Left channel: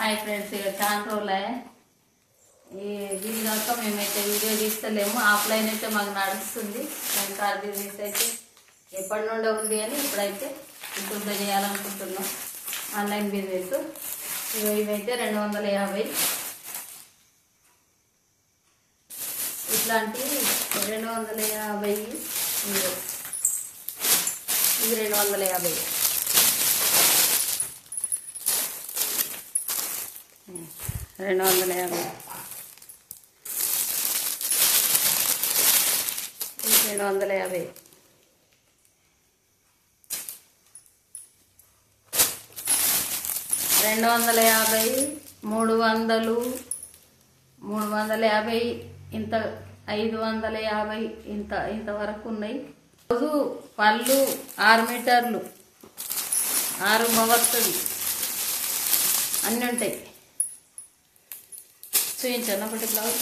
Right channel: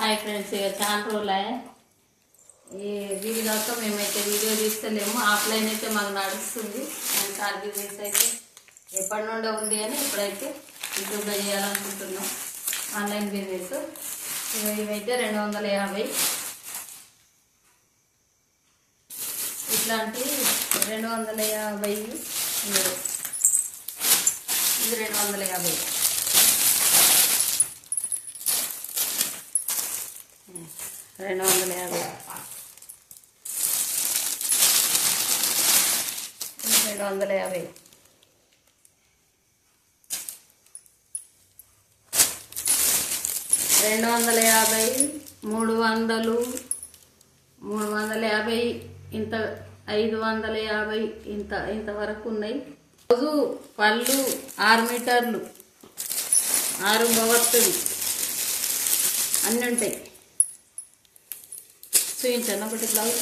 Hi friends, ఇక చాలా రోజులే ఈ వీడి కాక మేమైతే వీడియో తీస్తలేము. ఆఫ్లైన్ అయితే మాకు నడుస్తుంది. నేను కార్ బిజినెస్ అయితే ఎప్పటి నుండో ఉంది అని ఇప్పుడైతే యూట్యూబ్లో చేయాలనుకుంటున్నాం. ఆన్లైన్ బిజినెస్ ఇవైతే 250 ఇట్లాంటి 250 ఇది 250 250 250 250 350 ఇంత 550 ఇంతవరకు ఉన్నాయి. రోజు పళ్ళు 6 మీటర్లు 6 మొగట్టుది అన్నీ ఉంటాయి. చూపించాను ఒకటి బ్లౌజ్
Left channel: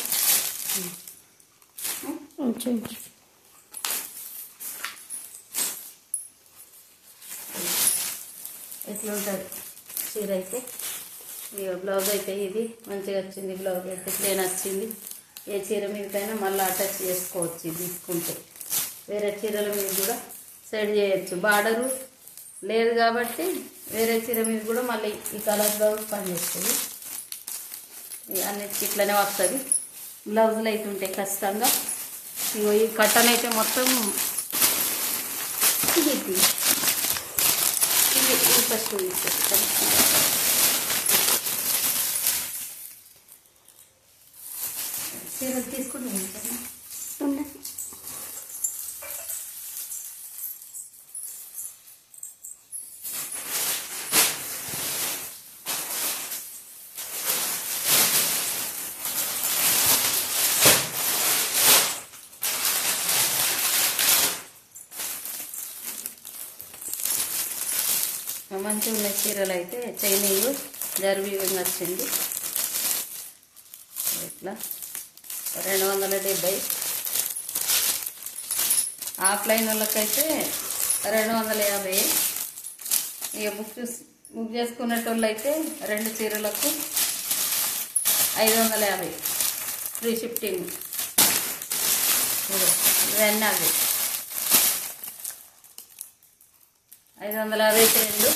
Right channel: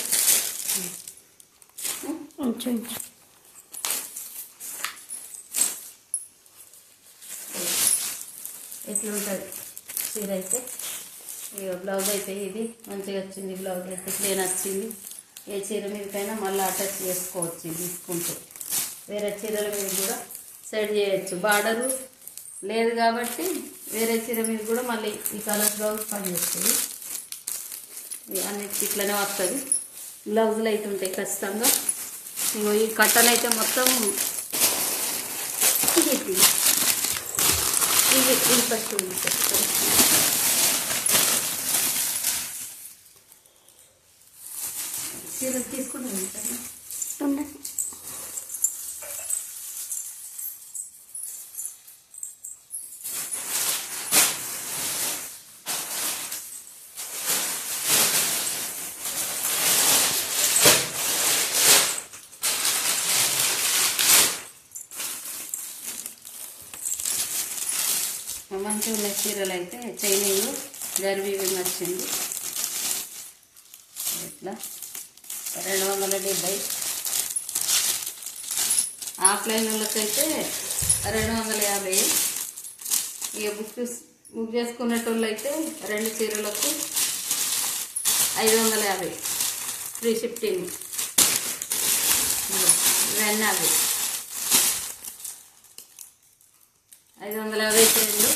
ఇట్లా ఉంటుంది చీర అయితే. ఇక బ్లౌజ్ అయితే ఇది మంచిగా వచ్చింది. బ్లౌజ్ అయితే ప్లేన్ వచ్చింది. ఏ చీర మీదకైనా మళ్ళీ అటాచ్ చేసుకోవచ్చు తీసుకుంటే. వేరే చీరల మీద కూడా సెట్ చేయొచ్చు. బార్డరు లేదు కాబట్టి వేరే చీర మీద కూడా మళ్ళీ ఈ కలర్ బ్లౌజ్ పనిచేస్తుంది. అన్నిటికీ ఇట్లనే వస్తుంది. బ్లౌజులు అయితే ఉంటాయి ఖచ్చితంగా. ఇగో ఈ కట్టలు అయితే మొత్తం ఇది ఇంట్రెస్ట్ చీర తీసుకుంటాను. మంచిగా ఉన్న చీరలు అయితే చైనింగ్ జర్వీవింగ్ వచ్చింది. ఇట్లా 270. ఆఫ్లైన్ వాళ్ళకైతే 250. ఇక బుక్ చేసుకునేటోళ్ళు అయితే 2 చీరలకు 550 ఫ్రీ షిఫ్టింగ్. ఇవన్నీ అవి 550 చీరలు.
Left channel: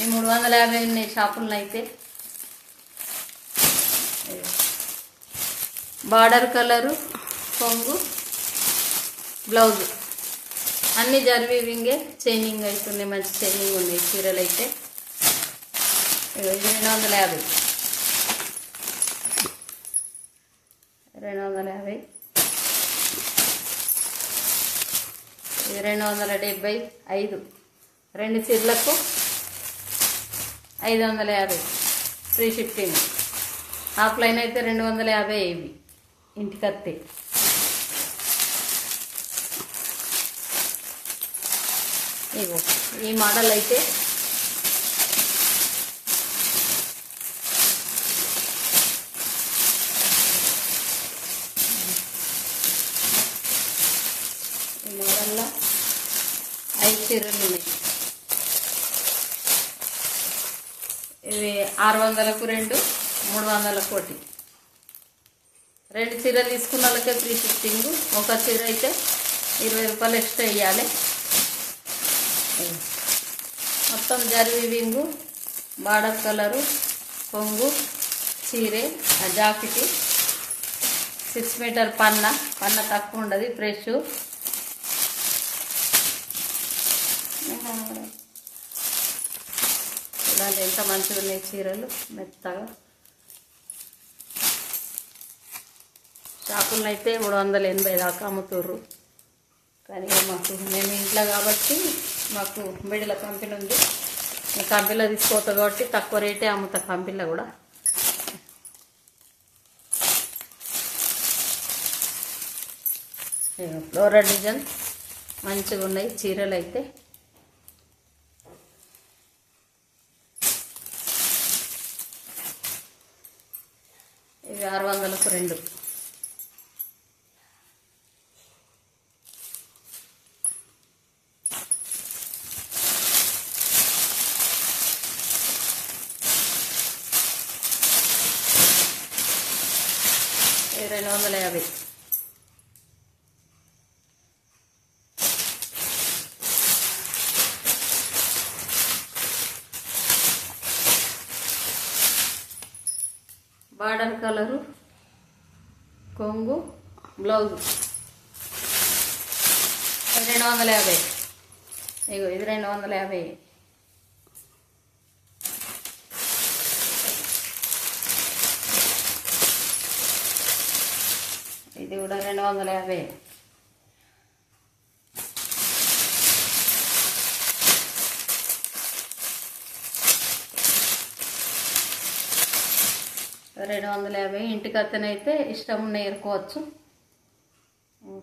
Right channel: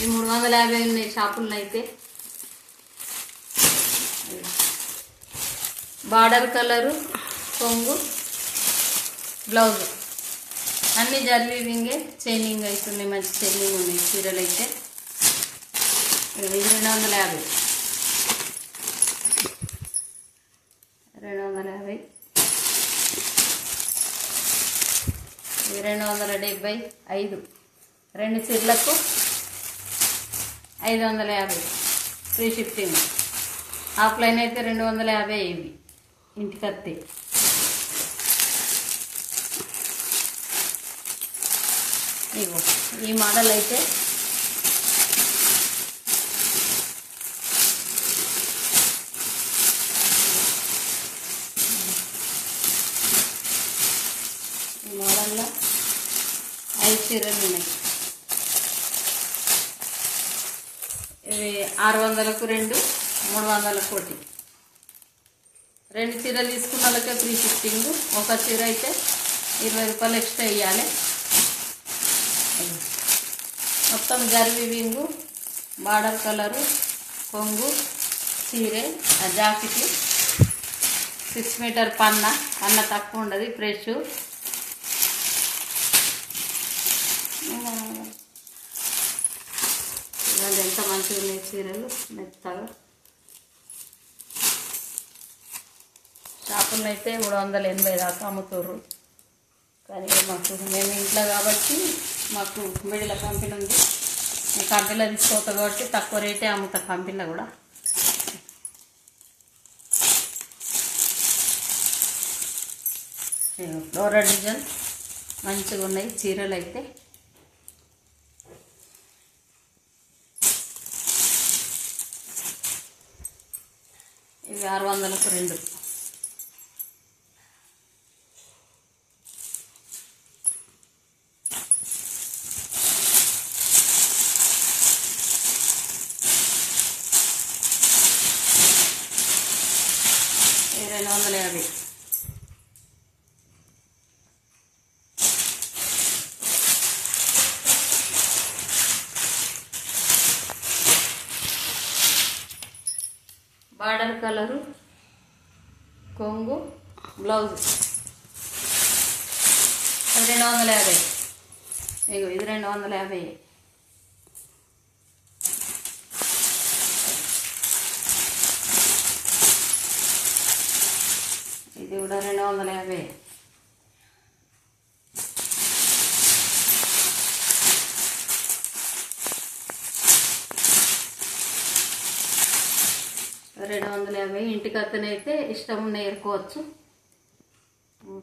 ఈ 350 ఉన్నాయి షాపులను అయితే. బార్డర్ కలరు కొంగు బ్లౌజ్ అన్ని జర్వీవింగే చైనింగ్ అవుతున్నాయి. మంచి చైనింగ్ ఉన్నాయి చీరలు అయితే. 250 275 2 చీరలకు 550 ఫ్రీ షిఫ్టింగ్. ఆఫ్లైన్ అయితే 250 ఇవి ఇంటికత్తి. ఇగో ఈ మోడల్ అయితే ఈ మోడల్లో 5 చీరలు ఉన్నాయి. ఇవి 600కు 2 300కు 1. 2 చీరలు తీసుకున్న వాళ్ళకే ఫ్రీ షిఫ్టింగ్. ఒక చీర అయితే 20 రూపాయలు ఎక్స్ట్రా వేయాలి. మొత్తం జర్వీవింగ్ బార్డర్ కలరు కొంగు చీరే జాకెట్ 6 మీటర్ పన్న తక్కువ ఉండదు. ఫ్రెష్ ఇలాంటి ఎంత మంచిగా ఉన్నాయి చీరలు మెత్తగా. షాపుల్లో అయితే 380 దాకా అమ్ముతారు. కానీ మేము ఇంట్లో కాబట్టి మాకు మిడిల కంపెనీ ఉంది. ఈ కంపెనీలో తీసుకోతా కాబట్టి తక్కువ రేటే అమ్ముతా. కంపెనీలో కూడా ఫ్లోరల్ డిజైన్ మంచిగా ఉన్నాయి చీరలు అయితే. ఇవి 600కు 2. 250. బార్డర్ కలరు కొంగు బ్లౌజ్ 250. ఇగో ఇది 250. ఇది కూడా 250. ఇంటికి అతనైతే ఇష్టం నేర్చుకోవచ్చు.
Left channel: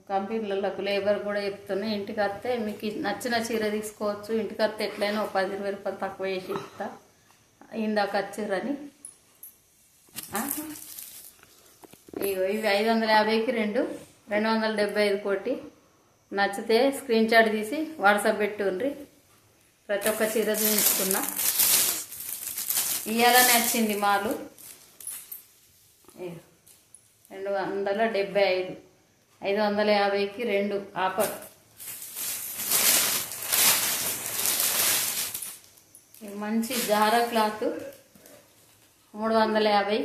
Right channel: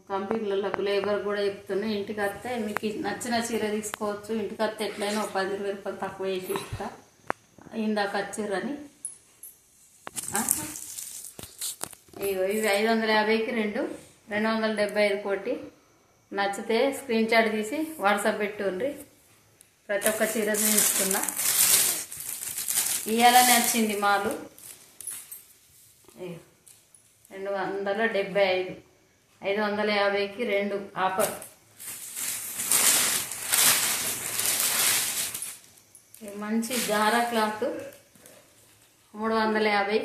కంపెనీలకు లేబర్ కూడా చెప్తున్నా, ఇంటికి వస్తే మీకు నచ్చిన చీర తీసుకోవచ్చు. ఇంటికి వస్తే ఎట్లయినా ఒక 10-20 రూపాయలు తక్కువ వేసి ఇస్తా. ఇందాక వచ్చిర్రని ఇవి 550కి 2, 275 కోటి. నచ్చితే స్క్రీన్ షాట్ తీసి వాట్సాప్ పెట్టుండ్రి. ప్రతి ఒక్క చీర చూపించుకున్నా. ఇయ్యాలని వచ్చింది మాలు 275, 550కి 2 ఆఫర్. మంచి జారా క్లాత్ 350.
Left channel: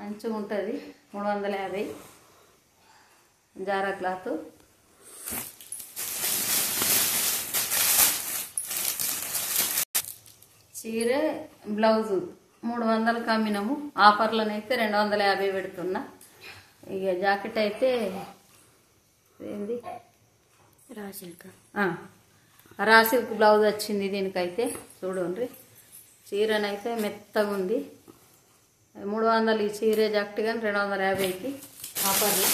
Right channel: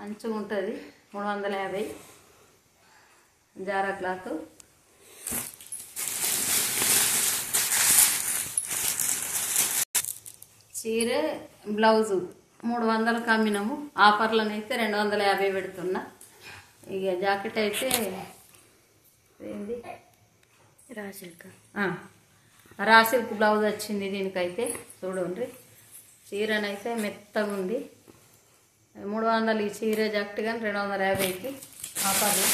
మంచిగా ఉంటుంది 350 జారా క్లాత్. చీర బ్లౌజు 300కి అమ్మినాము. ఆఫర్లోనైతే 250 పెడుతున్నా. ఇక జాకెట్ అయితే ఏంది రాసిల్క్ బ్లౌజ్ వచ్చింది. దీనికైతే చూడండి, చీరనైతే మెత్తగా ఉంది. 300 ఈ చీర జాకెట్ కానీ 250కి ఆఫర్లు.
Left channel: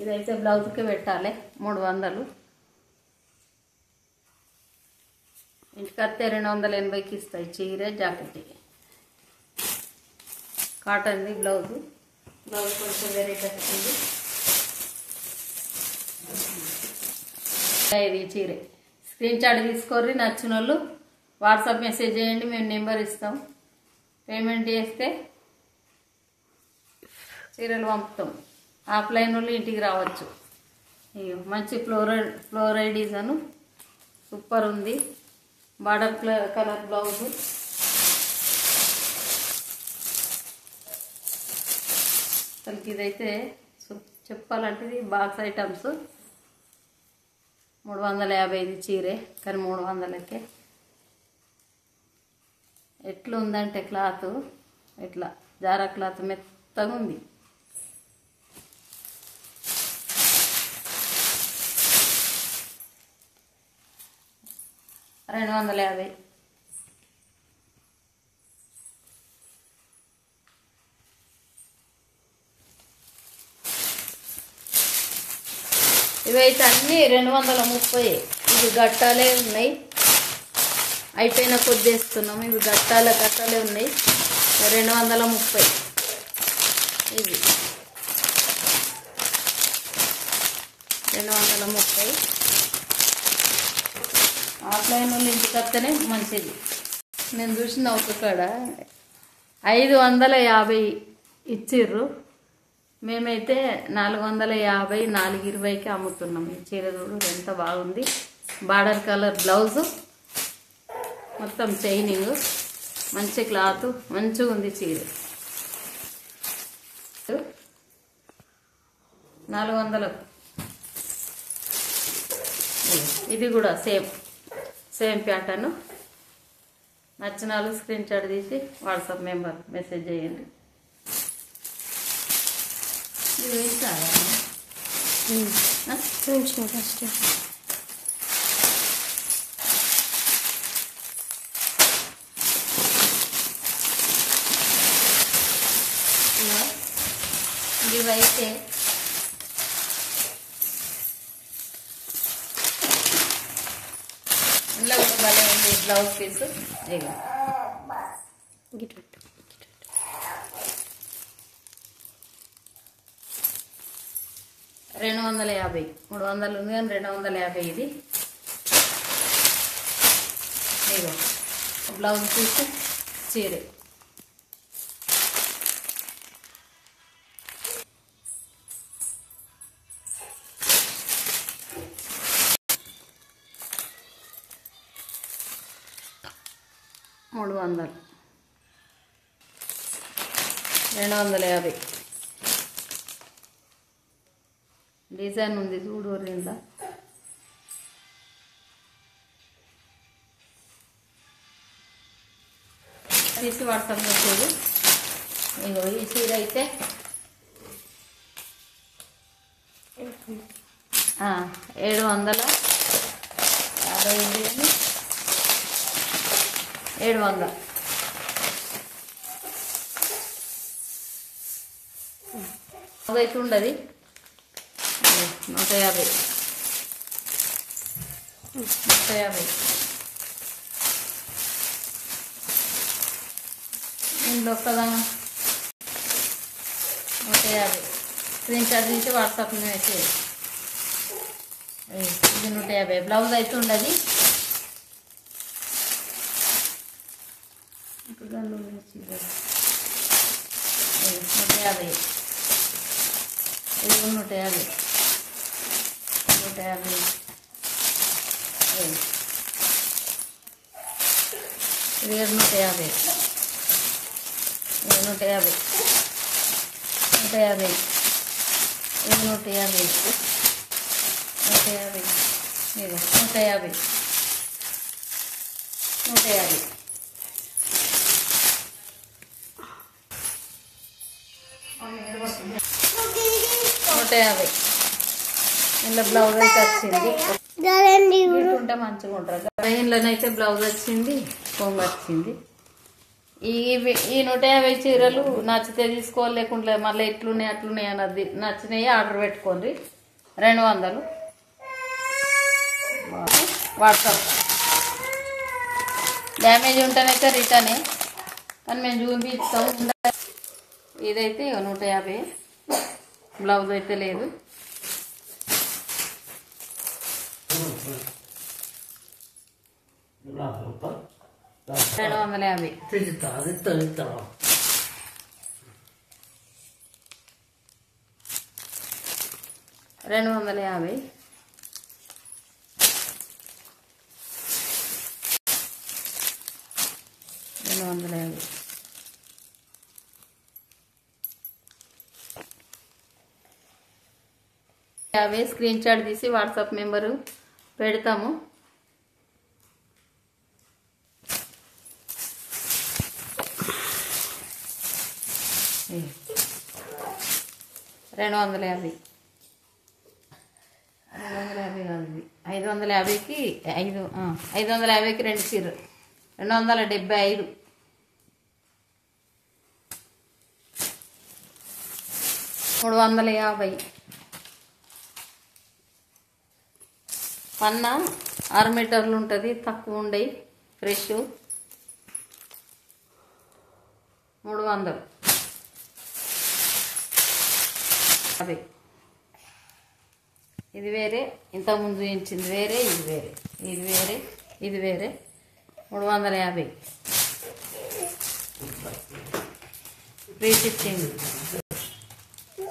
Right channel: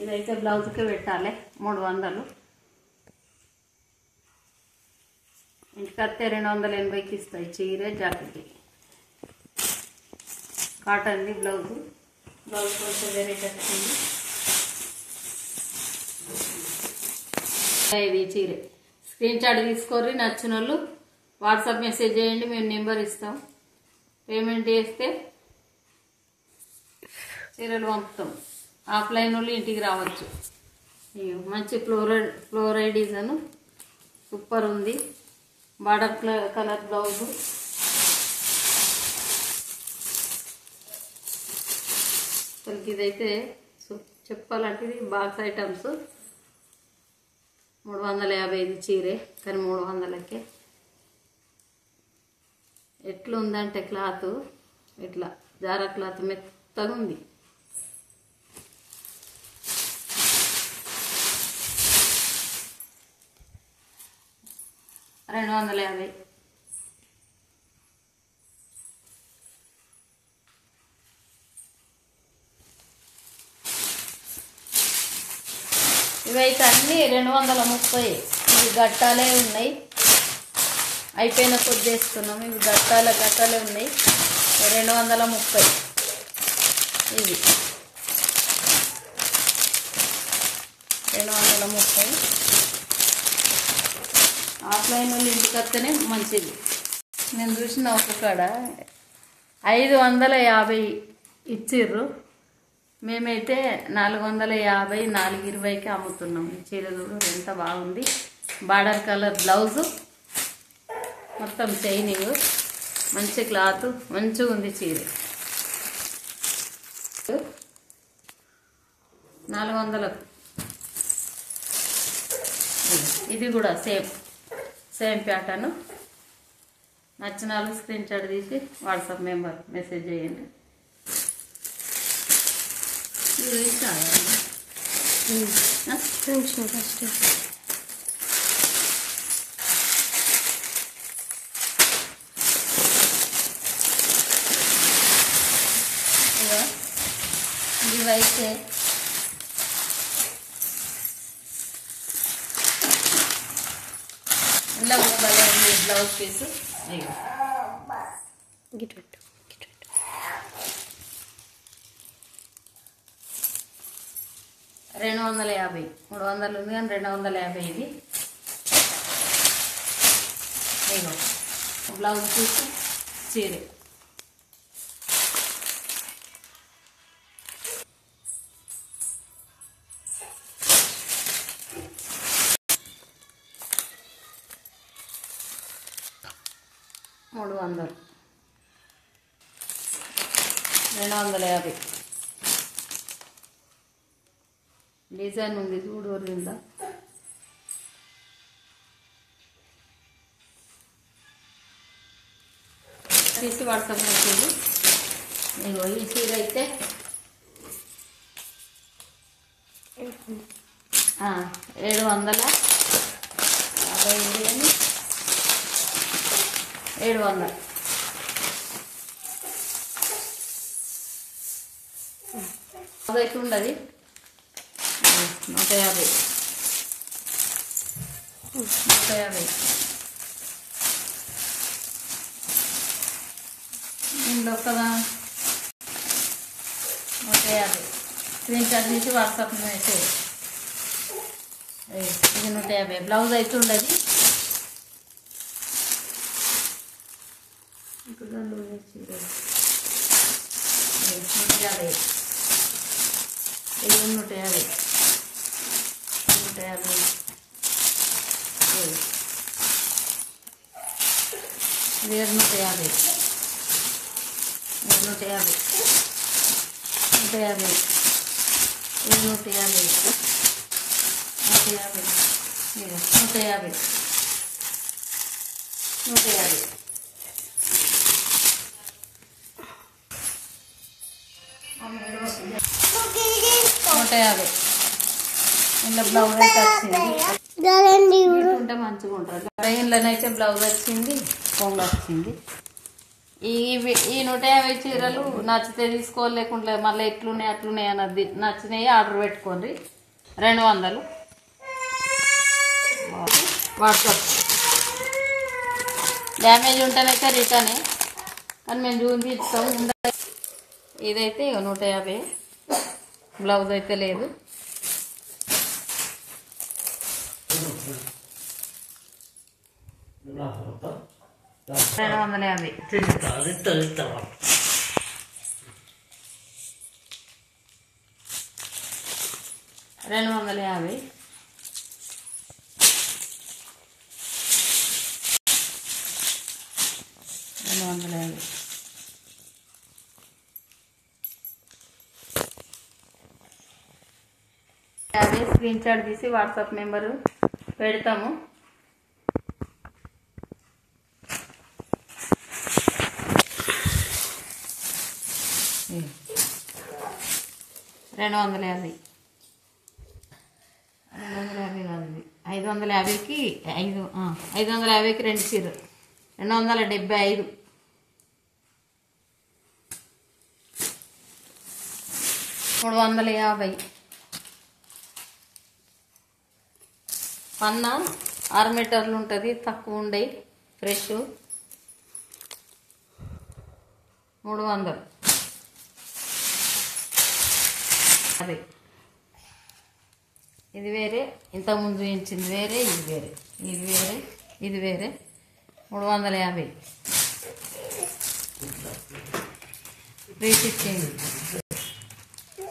ఇదైతే బ్లౌజ్కి పెట్టాలి 300. ఇంటికి వస్తే 280కి ఇస్తాయి చీర జాకెట్. కాటన్ది బ్లౌజ్ కొంచెం వెరైటీ వచ్చింది. ఇది చీర స్క్రీన్ షాట్ తీసుకోరి. నచ్చిన వాళ్ళు వాట్సాప్ మెసేజ్ చేయండి, మేము నెంబర్ ఇస్తాం. పేమెంట్ చేస్తే చీరలు పంపుతాం. ఆఫ్లైన్ వాళ్ళు ఇంటికి రావచ్చు. మంచి ఫ్లోరల్ డిజైన్ సూపర్ ఉంది. Border colour blouse. అసలు ఇదైతే చెప్పాలంటే ఇది బాక్స్ ఐటమ్స్. 350 చీరే కానీ 300కే. ఎట్లా ఉందంటే క్లాత్ ఇట్లా జారా క్లాత్ మెత్తగా ఉంది. 250. ఇవైతే అన్నీ 230. ఇవి గట్టాలే ఉన్నాయి. అయిపోయిన కొద్ది చేస్తున్నాము. ఇవి గట్టాలే ఉన్నాయి. 230 ఇవి 230. ఆఫ్లైన్ వాళ్ళు ఇంటికి వస్తేనే మంచిది. నేను చూసిన ఒక కాడ 550 ఇచ్చిర్రు. మేమైతే 450, 420కి అమ్ముతున్నాం. ఈ చీర చూడు ఎంత బాగుంది. బార్డర్ కలర్ బ్లౌజు, మొత్తం చైనింగ్, మంచి క్లాత్, మంచిగా ఉంది చీర. 400. ఇది కూడా సేమ్ ప్యాటర్న్. నచ్చిన వాళ్ళు స్క్రీన్ షాట్ తీసి వాట్సాప్ నెంబర్ మెసేజ్ చేయండి. ఇవైతే ఇలా కూడా భలే ఉంది బ్లౌజ్ పీస్. గిట్టు 250 250 300 ఉంది కానీ 250 ఇది. ఇగో బ్లౌజ్ పీస్ చీర. $300 250 డిజైన్ ఉంది చూడు వరిందా. తీసి వాడతాం చూడు. ఇగో ఈ చీర అయితే 750 700 అదైతే ఉండదు. 150 ఇందులో కదా 150 స్క్రీన్ షాట్ తీసి వాట్సాప్ మెసేజ్. ఇది 150 బ్లౌజ్ అయితే ఉండదు. ఇది 150 ఇది 150 150 150 ఇది 150 150 150 150 ఇంట్లో బ్లౌజ్ అయితే వచ్చింది. ఉంటే మంచిగా ఉంటారు. ట్రైన్లోనైతే బ్లౌజ్ వచ్చింది, కొంగు వచ్చింది. ఈ 150 చీరలు నచ్చితే తీసుకోలేకుండా మళ్ళీ ఎట్లున్నాయి అట్లున్నాయి అన్నది. నచ్చినాయి ఆర్డర్ పెట్టుకోండి. 200 వాట్సాప్. డ్యామేజ్ ఉంటేనైతే రిటర్న్, కానీ మేము చూపించుతాం. ఇదైతే 150 బ్లౌజ్ అయితే లేదు. 250 250 స్క్రీన్ షాట్ తీసి వాట్సాప్ నెంబరు పెడతాము. రెండు 250 కాదు, 550కి 550కి 2 చీరలు 275. $350 పన్న 6 మీటర్లు ఉంటుంది, తక్కువ ఉండయి. ఫ్రెష్ 300 అది. ఇది వేరే, ఇంతకుముందు చూపించింది వేరే, ఇది వేరే, ఇది వేరే, ఇది వేరే. 350 ఫ్రీ షిప్పింగ్.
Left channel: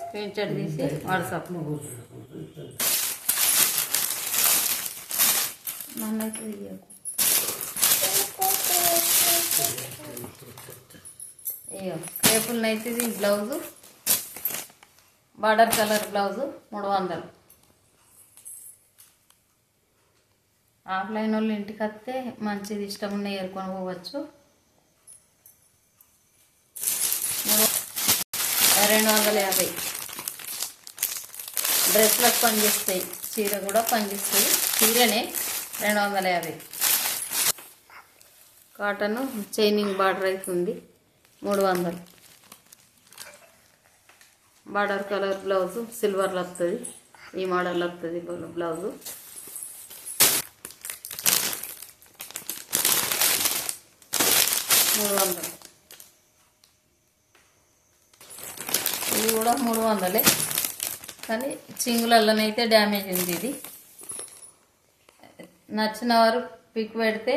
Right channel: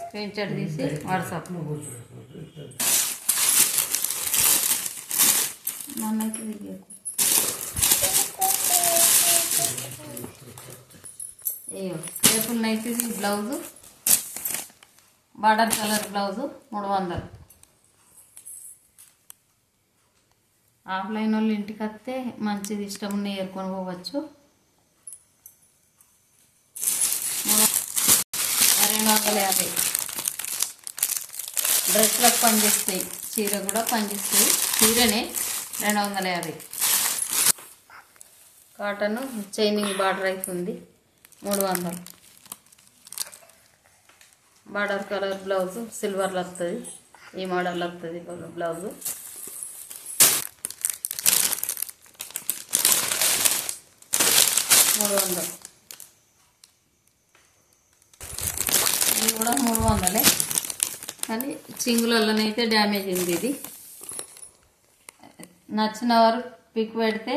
స్క్రీన్ షాట్ తీసి వాట్సాప్. అయ్యో రేపుల్ నైట్. ఇది blouse border colour blouse 300. Offline వాళ్ళు ఇంటికి వస్తే మంచిది, ఇష్టం ఉన్న ఏరుకొని పోవచ్చు. 250 డ్రెస్లకు పనిచేస్తాయి, చీర కూడా పనిచేస్తాయి. చీరనే 250. కాటన్ చైనింగ్ బార్డర్ అయితే ఉంది 300. బార్డర్ కలర్ బ్లౌజు సిల్వర్లో వస్తుంది, ఈ మోడల్లో వస్తుంది బ్లౌజు. $300. ఇది కూడా 300. కానీ చింగులలోనైతే డ్యామేజ్ ఉంది. ఇది నచ్చిన వారు పిక్ పెడితే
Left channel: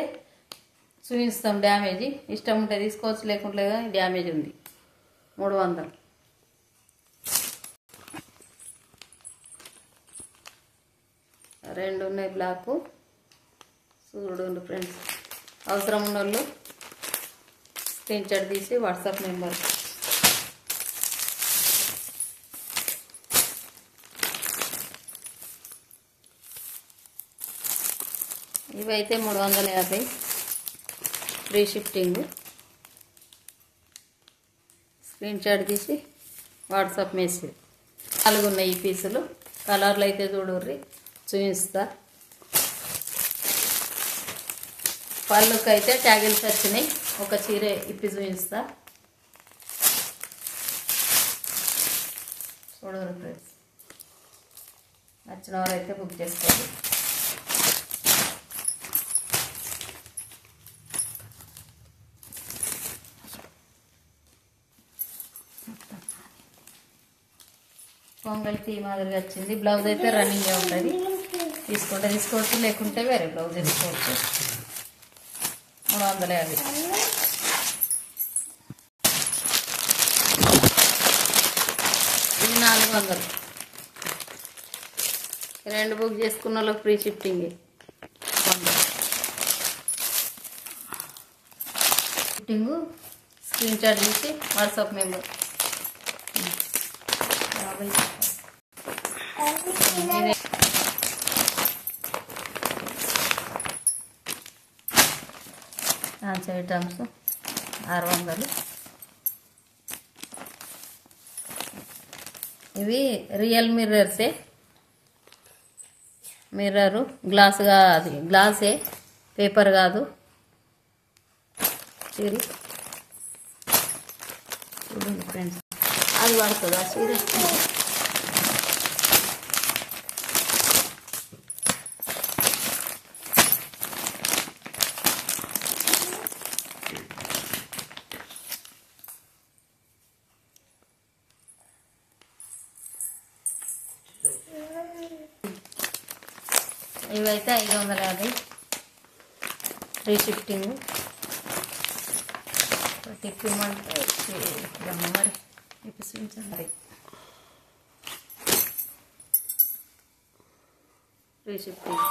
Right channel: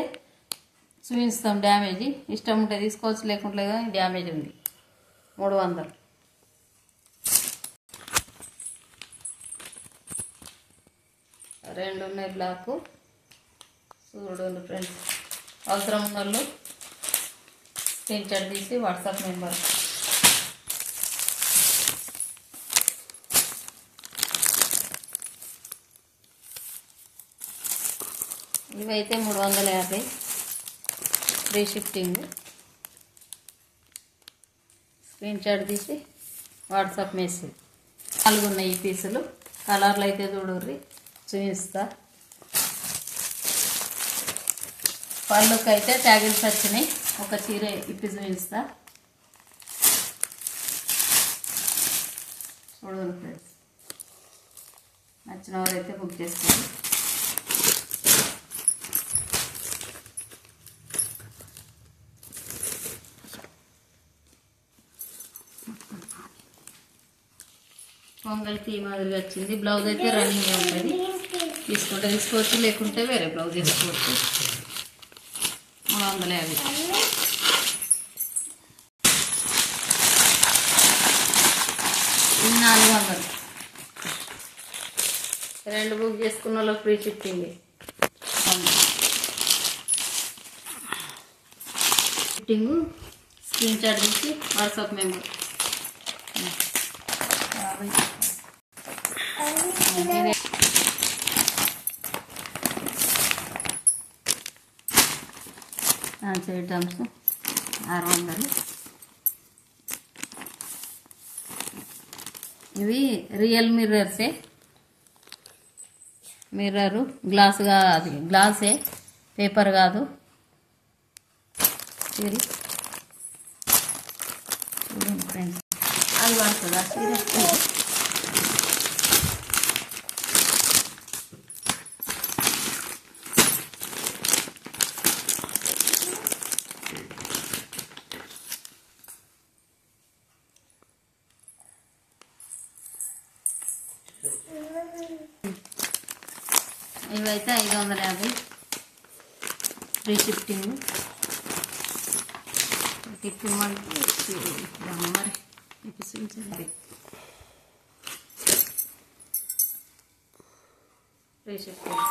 చూపిస్తాం. డ్యామేజ్ ఇష్టం ఉంటే తీసుకోవచ్చు, లేకుంటే డ్యామేజ్ ఉంది. 300. రెండు ఉన్నాయి బ్లాకు. చూడండి ఫ్రెండ్స్, అవసరం ఉన్న వాళ్ళు స్క్రీన్ షాట్ తీసి వాట్సాప్ నెంబర్. ఇవైతే 350 ఫ్రీ షిఫ్టింగ్. స్క్రీన్ షాట్ తీసి వాట్సాప్ మెసేజ్. 4 ఉన్నాయి ఈ పీసులు. కలర్లు అయితే చూడుర్రి, చూపిస్తా. పళ్ళుకి అయితే ట్యాగిల్స్ వచ్చినాయి. ఒక చీర ఇప్పి చూపిస్తా. చూడరు ఫ్రెండ్స్, నచ్చిన వారైతే బుక్ చేసుకోండి. పొంగల్కి మాదిరిగా వచ్చింది. బ్లౌజ్ అయితే రన్నింగ్ ఉంటుంది. తీసుకుంటే తీసుకోవచ్చు, లేకుంటే వేరే బ్లౌజ్ తీసుకోవచ్చు. 350. ఇది 400. 2 బుక్ చేసుకున్న వాళ్ళకి free shifting. Shifting screen shot తీసి వాట్సాప్ మెంబర్. ఐటమ్స్ 600. ఇవి రియల్ మిర్రర్సే. మిర్రరు గ్లాస్ కాదు, గ్లాసే, పేపర్ కాదు. చూడండి ఫ్రెండ్స్, అది పడుతుందా చీర? ఇవైతే 550 ఫ్రీ షిఫ్టింగ్. తిప్పమంటే మరి తిప్పించండి. Free shifting.